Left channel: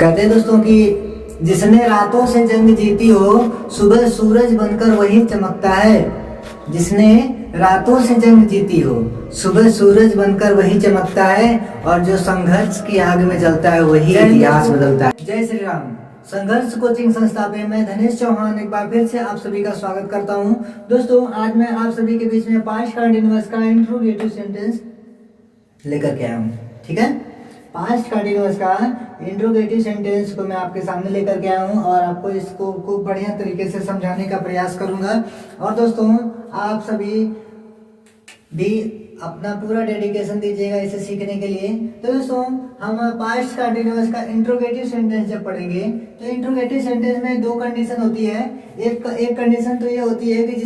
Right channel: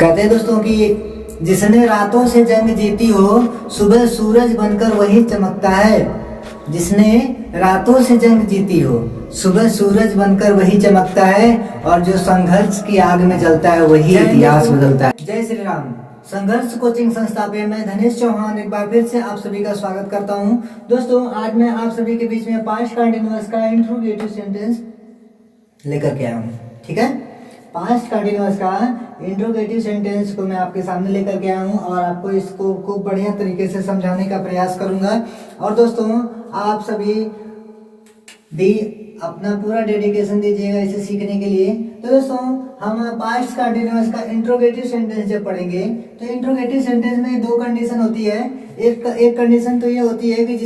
कहते हैं दोस्तों कि जिसने रातों से जंग जीती हो सुबह सूरज बनकर वही चमकता है। जिसने रातों से जंग जीती हो सुबह सूरज बनकर वही चमकता है, और जो संघर्ष की आग में जलता है वही इतिहास बदलता है। जय श्री राम। संघर्ष कोचिंग संस्था पे मैं धनेश चौहान एक बार फिर से आप सभी का स्वागत करता हूं। दोस्तों आज मैं आप सभी के बीच में पास्ट कंटीन्यूअस का इंट्रोगेटिव सेंटेंस लेकर के आया हूं। ठीक है, पास्ट कंटीन्यूअस का इंट्रोगेटिव सेंटेंस को मैं आपके सामने लेकर के आया हूं और आपको इसको खूब बढ़िया तरीके से समझाने का प्रयास करूंगा। और दोस्तों आप सभी भी अपना पूरा डेडिकेशन दीजिएगा इसे सीखने के लिए। तो दोस्तों हम पास्ट कंटीन्यूअस का इंट्रोगेटिव सेंटेंस जब पढ़ेंगे तो इंट्रोगेटिव सेंटेंस में दो कंडीशन होती है। एक कंडीशन तो ये होती है कि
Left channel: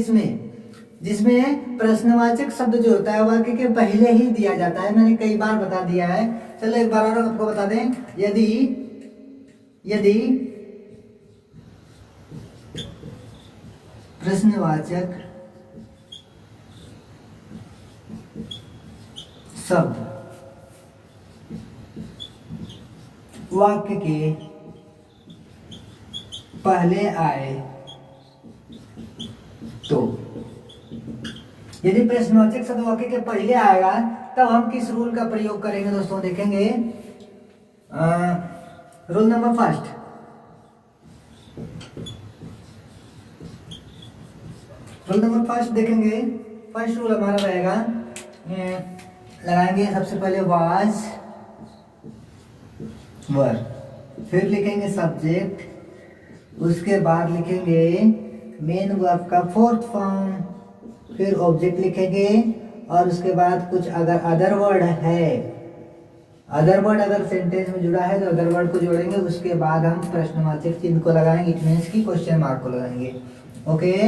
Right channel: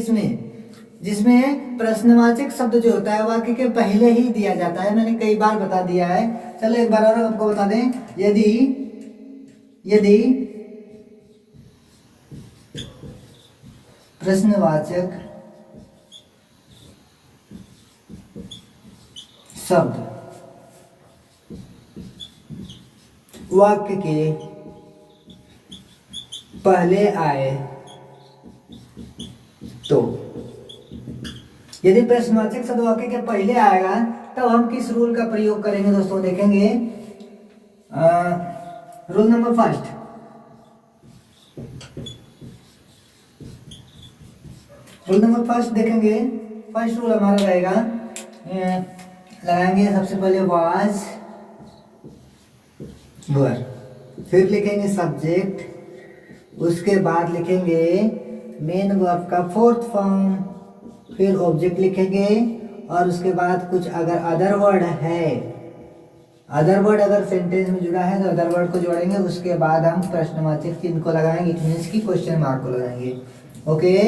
जिसमें प्रश्नवाचक शब्द जो होता है वाक्य के पहले ही दिया जाता है। मैंने कई बार बता दिया है, चलो एक बार और आपको बता दें। यदि प्रश्नवाचक शब्द वाक्य के पहले आए तो, यदि प्रश्नवाचक शब्द वाक्य के पहले आएगा तब हम किस रूल का प्रयोग करेंगे दोस्तों देखेंगे। रूल नंबर फर्स्ट, देखेंगे। फर्स्ट रूल हमारा रहेगा, लगाएंगे सबसे पहले वाज वर, फिर लिखेंगे सब्जेक्ट, उसके बाद लिखेंगे मेन वर्ब का फोर्थ फॉर्म, फिर ऑब्जेक्ट लिखेंगे और उसके बाद कुछ अगर अदर वर्ड है, अदर वर्ड अगर सेंटेंस में जुड़ा है तो अदर वर्ड को जोड़ेंगे। उसके बाद हम प्रश्नवाचक चिन्ह को लगाएंगे, इट मींस की क्वेश्चन मार्क को लगाएंगे। ओके,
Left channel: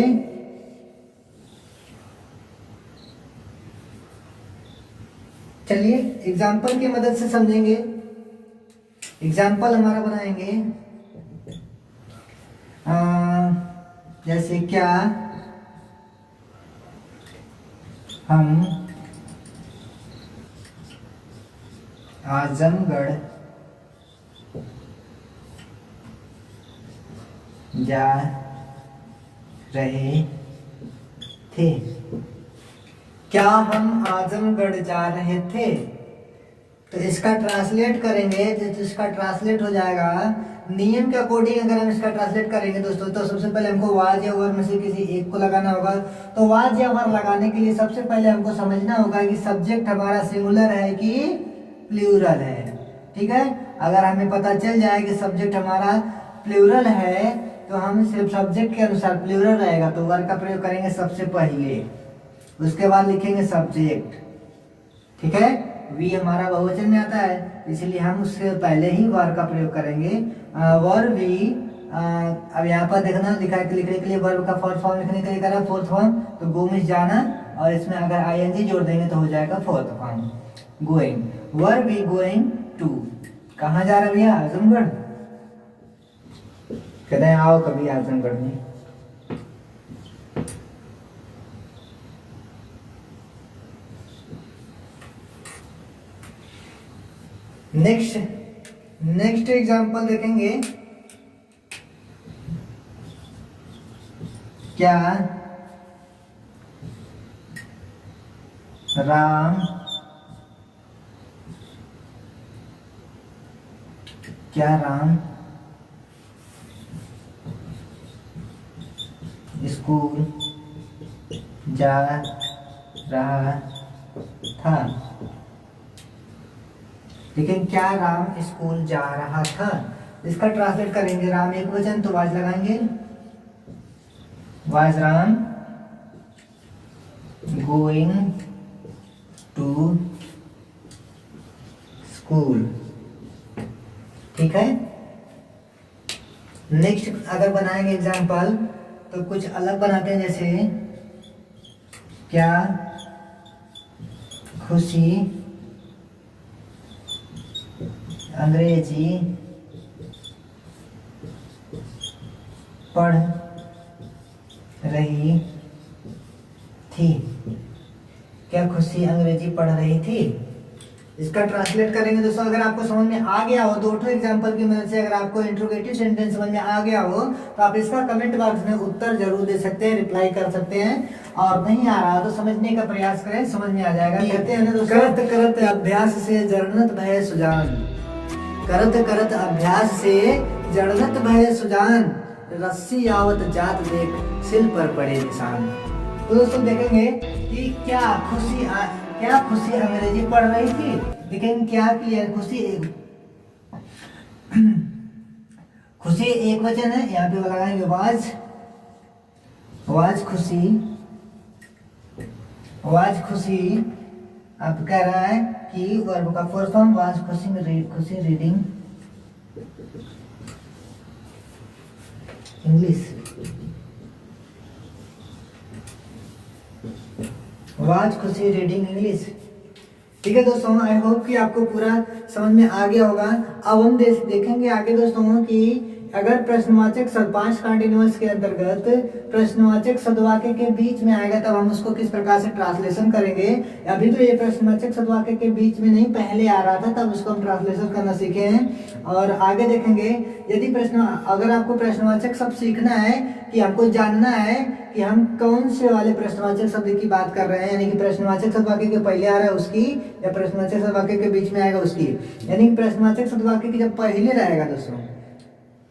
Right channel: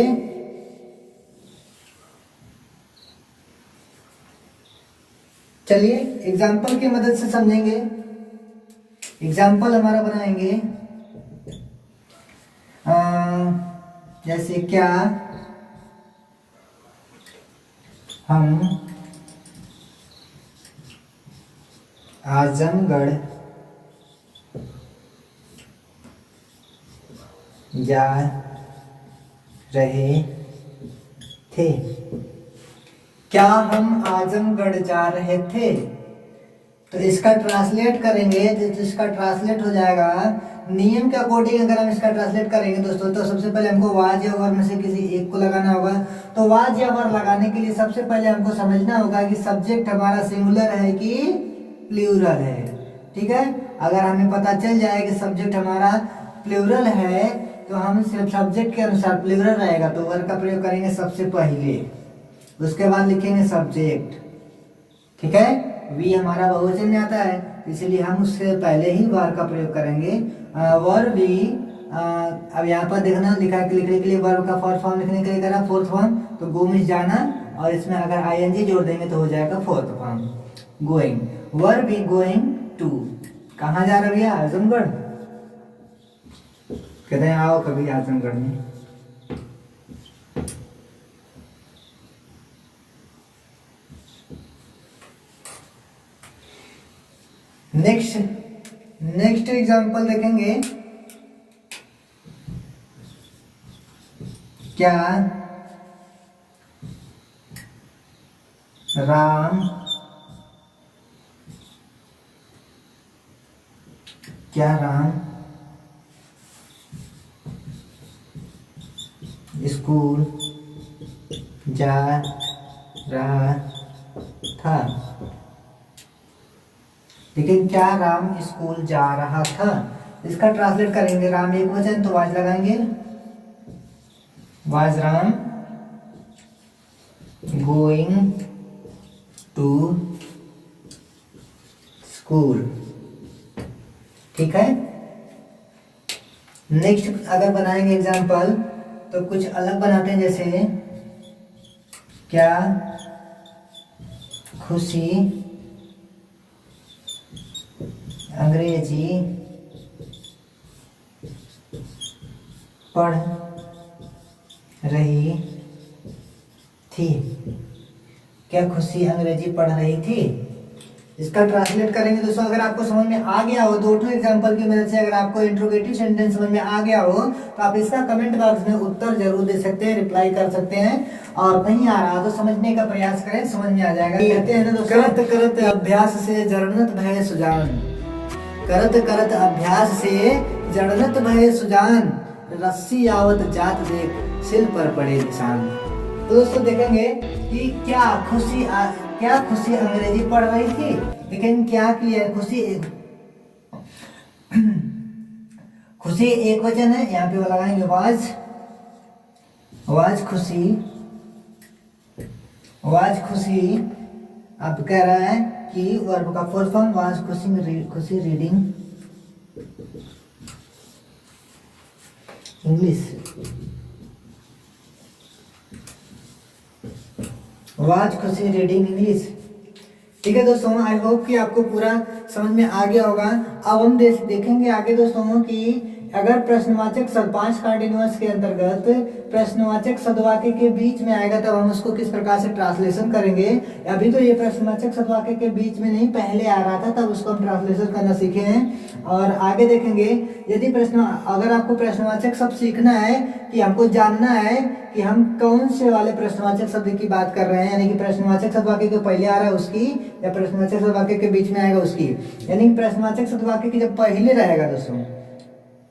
चलिए एग्जाम्पल की मदद से समझेंगे। एग्जाम्पल हमारा बनाएंगे जैसे क्या हम आजमगढ़ जा रहे थे। क्या हम आजमगढ़ जा रहे थे? तो इसका ट्रांसलेट करेंगे, जिसका ट्रांसलेट हो जाएगा नियम के अकॉर्डिंग। अगर हम इसका ट्रांसलेट करेंगे दोस्तों तो सबसे पहले हमको वाज या वर में से किसी एक को लगाना होगा। तो वाज या वर लगाने के लिए सबसे पहले हमको समझना होगा कि सब्जेक्ट हमारा सिंगुलर है कि प्लूरल है। ठीक है, अगर हमें पता चल जाए कि सब्जेक्ट हमारा प्लूरल है तो हम सिर्फ सब्जेक्ट के अनुसार प्लूरल रहेगा तो वर का प्रयोग करेंगे सबसे पहले, उसके बाद लिखेंगे सब्जेक्ट। ठीक है, वी हमारा बहुवचन में आता है इसलिए हम उससे पहले ही वर का प्रयोग करेंगे। वर वी, अब यहाँ पर देखना लिखा है, लिखने के लिए वर्ब का फर्स्ट फॉर्म लिखने के लिए करा फोर्थ फॉर्म, तो गो में जाना और इसमें अगर आईएनजी जोड़ देंगे तो हो जाएगा fourth form going. Where we going to, कहाँ जा रहे भैया? आजमगढ़। कहते हैं आओ कभी आजमगढ़ में। नेक्स्ट एग्जांपल देखेंगे। क्या राम स्कूल जा रहा था? लेकिन क्या राम स्कूल जा रहा था? इसका ट्रांसलेट करेंगे, राम एक वचन तो वाज लगाएंगे, was Ram going to school. ठीक है, नेक्स्ट अगर बनाएंगे एग्जाम्पल तो कुछ अलग बनाते हैं, जैसे क्या खुशी अंग्रेजी पढ़ रही थी? क्या खुशी अंग्रेजी पढ़ रही थी? इसका ट्रांसलेट करेंगे दोस्तों। अगर आपको समझ में आ गया हो, दो ठो एग्जांपल की मदद से अगर आपको इंट्रोगेटिव सेंटेंस समझ में आ गया हो तो आप इसका कमेंट बॉक्स में उत्तर जरूर दे सकते हैं, रिप्लाई कर सकते हैं। और नहीं आ रहा तो समझने का प्रयास करें, समझ में आ जाएगा। कहते हैं ना दोस्तों, करत करत अभ्यास से जड़नत भय सुजान, करत करत अभ्यास से जड़नत भय सुजान, रस्सी आवत जात देख सिल पर पड़े निशान। तो दोस्तों देखेंगे कि क्या खुशी अंग्रेजी पढ़ रही थी, लेकिन क्या किया खुशी एक वचन है, यहाँ पे लगाएंगे वाज खुशी। अब कह रहा है कि वर्ब का फुल फॉर्म वाज खुशी रीडिंग इंग्लिश, वाज खुशी रीडिंग इंग्लिश। ठीक है दोस्तों, आई होप कि आपको पूरा समझ में आ गया होगा। अब हम देखेंगे आगे दोस्तों कि अगर प्रश्नवाचक शब्द 5 कंटिन्यूअस के अंतर्गत प्रश्नवाचक सदवाक्य के बीच में आएगा तब हम उसको किस प्रकार से ट्रांसलेशन करेंगे। अभी तो ये प्रश्नवाचक सदवाक्य के बीच में नहीं, पहले आ रहा था, तब उसको हम ट्रांसलेशन करना सीखे हैं। और आगे देखेंगे यदि अगर आपको प्रश्नवाचक शब्द सीखना है कि हमको जानना है कि हम कौन से वाले प्रश्नवाचक शब्द की बात कर रहे हैं, यानी कि प्रश्नवाचक सदवाक्य के पहले आ रहा है उसकी या प्रश्नवाचक सदवाक्य के बीच में आएगा उसकी, यानी कि प्रश्नवाचक सदवाक्य की जब पहले रहेगा दोस्तों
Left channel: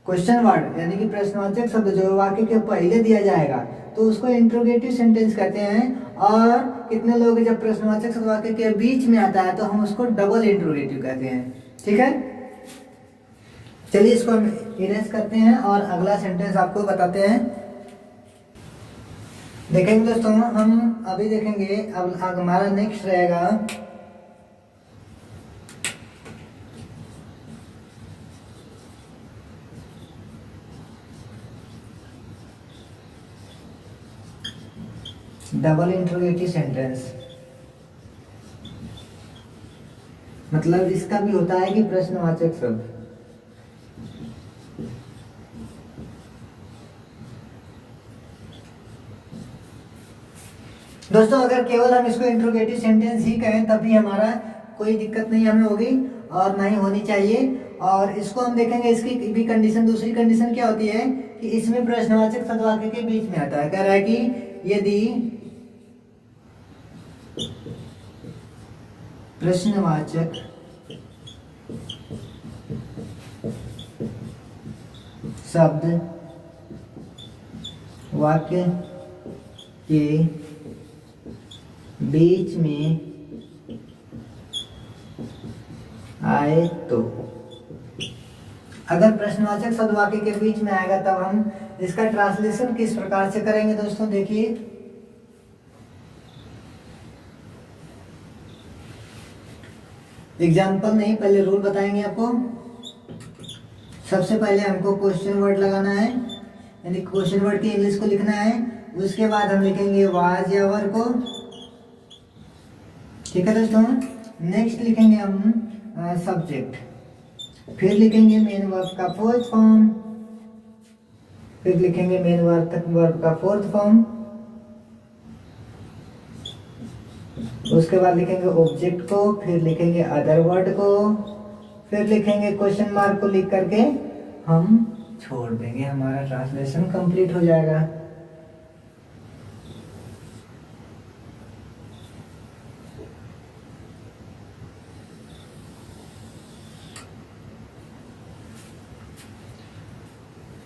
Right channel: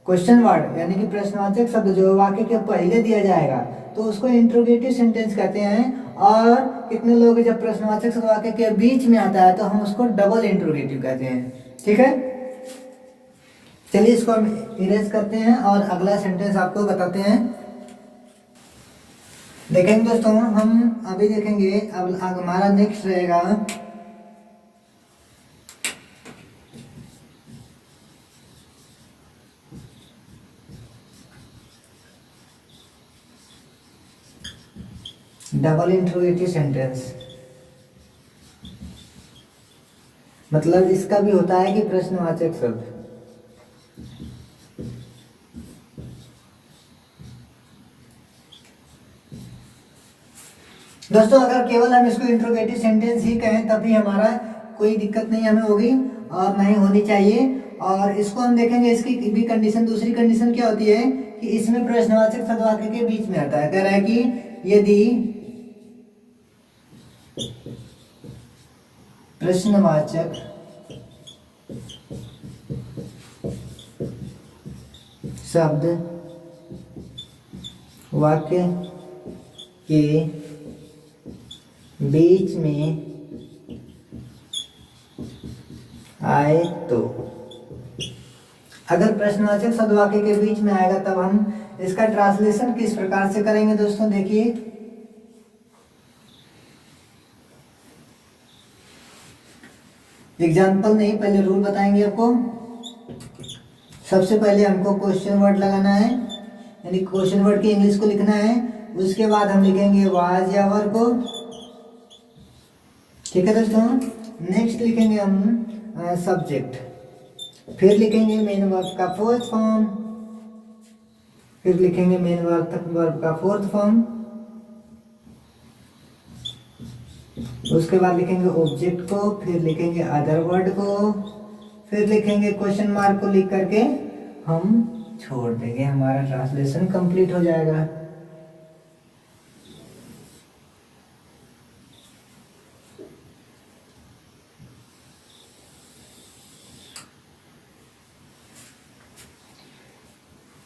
क्वेश्चन वर्ड, यानी कि प्रश्नवाचक शब्द जो वाक्य के पहले दिया जाएगा तो उसको इंट्रोगेटिव सेंटेंस कहते हैं। और कितने लोग जब प्रश्नवाचक शब्द वाक्य के बीच में आता है तो हम उसको डबल इंट्रोगेटिव कहते हैं। ठीक है, चलिए इसको हम इरेज करते हैं और अगला सेंटेंस आपको बताते हैं। देखेंगे दोस्तों, हम अभी देखेंगे अब हमारा नेक्स्ट रहेगा डबल इंट्रोगेटिव सेंटेंस। मतलब इसका भी होता है कि प्रश्नवाचक शब्द, दोस्तों अगर केवल हम इसको इंट्रोगेटिव सेंटेंस ही कहें तभी हमारा कोई दिक्कत नहीं हमें होगी और ना ही होनी चाहिए। और इसको हम देखेंगे, इसकी भी कंडीशन, दूसरी कंडीशन क्या होती है कि इसमें प्रश्नवाचक शब्द वाक्य के बीच में आता है। कह रहा है कि यदि प्रश्नवाचक शब्द वाक्य के बीच में आए तो, अगर प्रश्नवाचक शब्द वाक्य के बीच में आएगा तब हम इसका ट्रांसलेशन किस प्रकार से करेंगे दोस्तों। देखिए एग्जाम्पल नहीं, पहले रूल बताएंगे आपको। सबसे पहले हमको क्वेश्चन वर्ड लगाना है, यानी क्वेश्चन वर्ड की इंग्लिश को लिखना है। उसके बाद हम लिखेंगे वाज या वर को। ठीक है दोस्तों, नेक्स्ट लिखेंगे हम सब्जेक्ट, फिर लिखेंगे मेन वर्ब का फोर्थ फॉर्म, फिर लिखेंगे मेन वर्ब का फोर्थ फॉर्म, उसके बाद लिखेंगे ऑब्जेक्ट को, फिर लिखेंगे अदर वर्ड को, फिर लिखेंगे क्वेश्चन मार्क को लिख करके हम छोड़ देंगे, हमारा ट्रांसलेशन कंप्लीट हो जाएगा।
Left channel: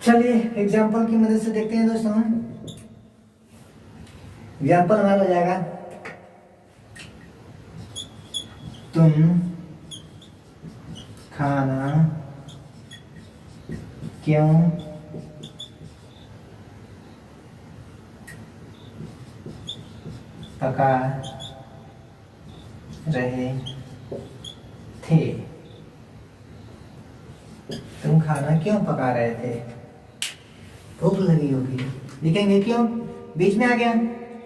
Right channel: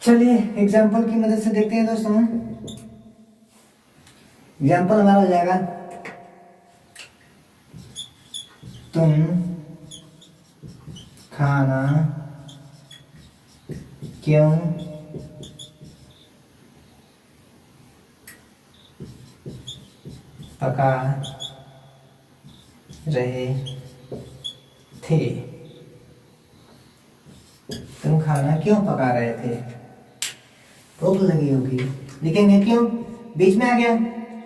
चलिए एग्जाम्पल की मदद से देखते हैं दोस्तों। एग्जाम्पल हमारा हो जाएगा, तुम खाना क्यों पका रहे थे। तुम खाना क्यों पका रहे थे? भूख लगी होगी। लिखेंगे क्यों, बीच में आ गया।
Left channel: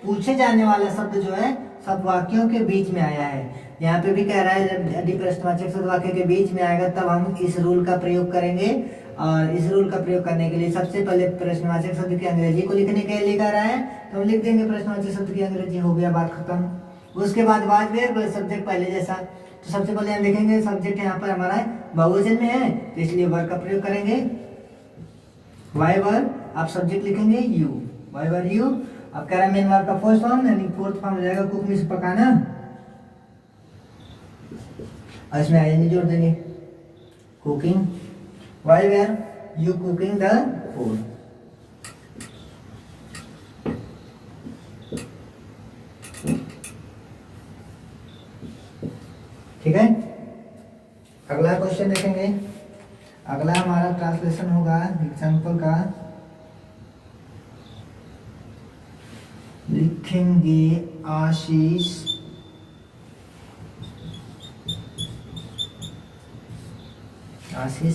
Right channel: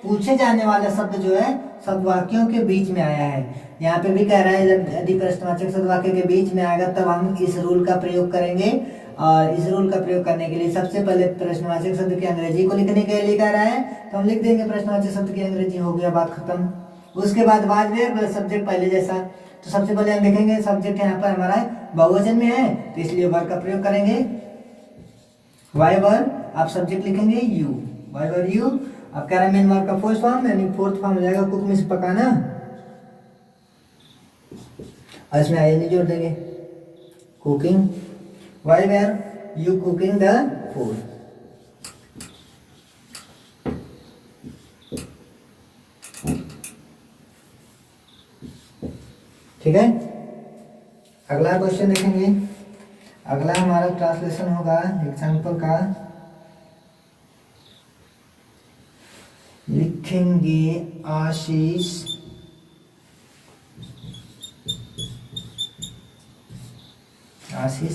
पूछे जाने वाला शब्द जो है सब वाक्यों के बीच में आया है। यहाँ पे भी कह रहा है जब यदि प्रश्नवाचक शब्द वाक्य के बीच में आएगा तब हम इस रूल का प्रयोग करेंगे। और इस रूल का प्रयोग करने के लिए सबसे पहले प्रश्नवाचक शब्द की अंग्रेजी को लिखने के लिए कह रहा है, तो हम लिख देंगे प्रश्नवाचक शब्द की अंग्रेजी, हो गया बात खत्म। उसके बाद वाज वेयर सब्जेक्ट पहले जैसा, तो सबसे पहले हम देखेंगे सब्जेक्ट यहाँ पर हमारा बहुवचन में है, तो इसलिए वर्ब का प्रयोग करेंगे। वाई वर्ब, आप सब्जेक्ट लिखेंगे यू, वाई वर्ब यू। अब कह रहा है मेन वर्ब का फर्स्ट फॉर्म यानी फोर्थ फॉर्म हो जाएगा कुक मीन्स पकाना, और इसमें आई जोड़ देंगे cooking. Why verb you cooking the food. ठीक है, अगला क्वेश्चन देखेंगे। अगला हमारा ट्रांसलेशन होगा एग्जाम्पल का, लिखेंगे आशीष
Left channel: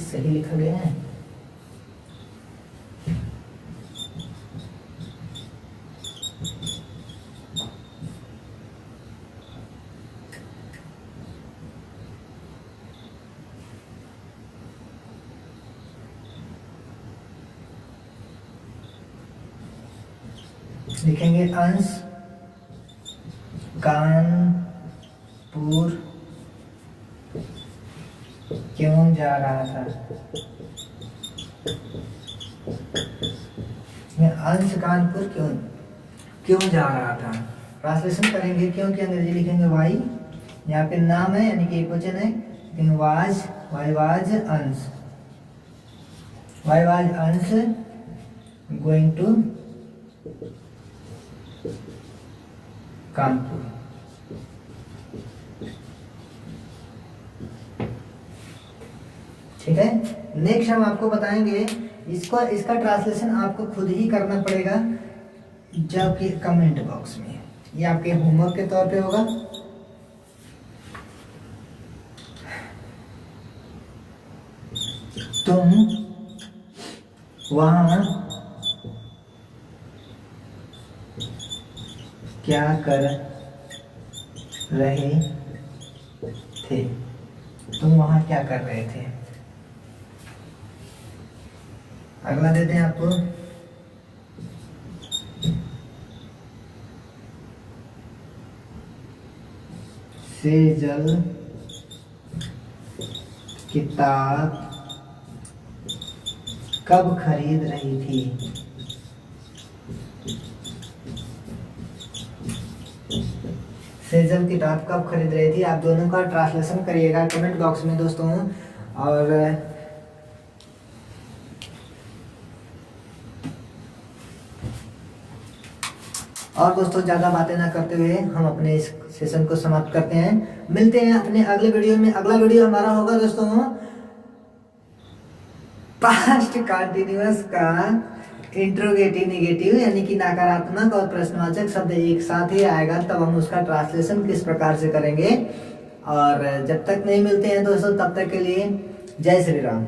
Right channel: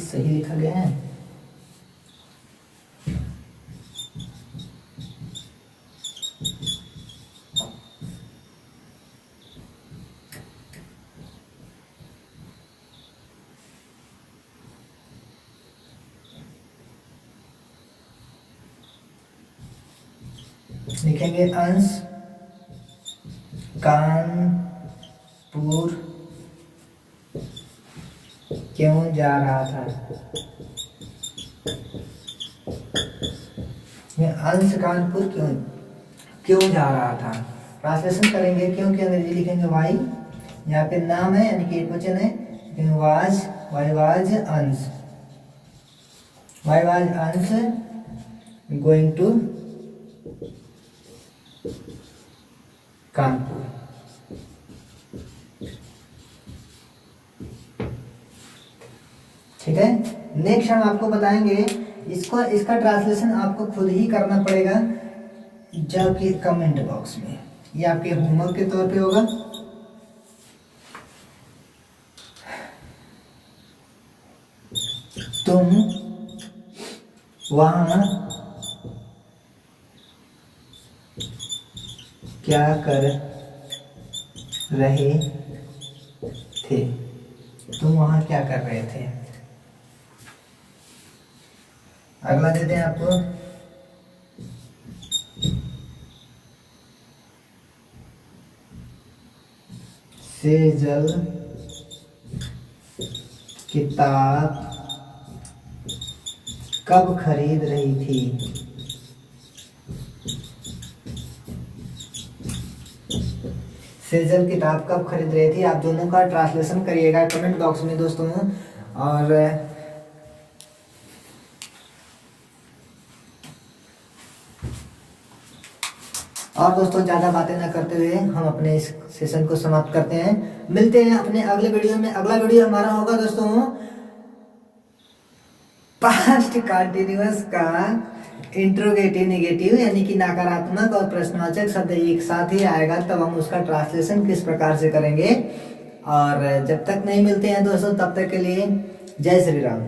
सही लिखा गया है। लिखेंगे अंश कानपुर क्यों जा रहा था। अंश कानपुर क्यों जा रहा था। ट्रांसलेशन करेंगे क्यों की अंग्रेजी लिखेंगे वाई, यहाँ पे नाम है यानी कि एक वचन है, वाज, वाई वाज अंश, वाई वाज अंश गोइंग टू कानपुर। ठीक है, नेक्स्ट हम आपको बताएंगे इसका ट्रांसलेशन आपको खुद ही करना पड़ेगा जबकि कमेंट बॉक्स में, ये आपके होमवर्क के तौर पे होगा। तुम वहां क्या कर रहे थे, तुम वहां क्या कर रहे थे। अगला देते हैं आपको, सेजल किताब कब खरीद रही थी। सेजल किताब कब खरीद रही थी, आप दोनों का ट्रांसलेशन करिएगा कमेंट बॉक्स में दोस्तों। और दोस्तों ज़्यादा बातें ना करते हुए हम अपने इस सेशन को समाप्त करते हैं। मिलते हैं अपने अगले वीडियो में। अगला वीडियो हमारा होगा दोस्तों पास्ट कंटीन्यूअस का इंट्रोगेटिव नेगेटिव यानी कि नकारात्मक और प्रश्नवाचक शब्द एक साथ ही आएगा, तब हम उसका ट्रांसलेशन किस प्रकार से करेंगे। और जब तक नहीं मिलते हैं दोस्तों तब तक के लिए जय श्री राम।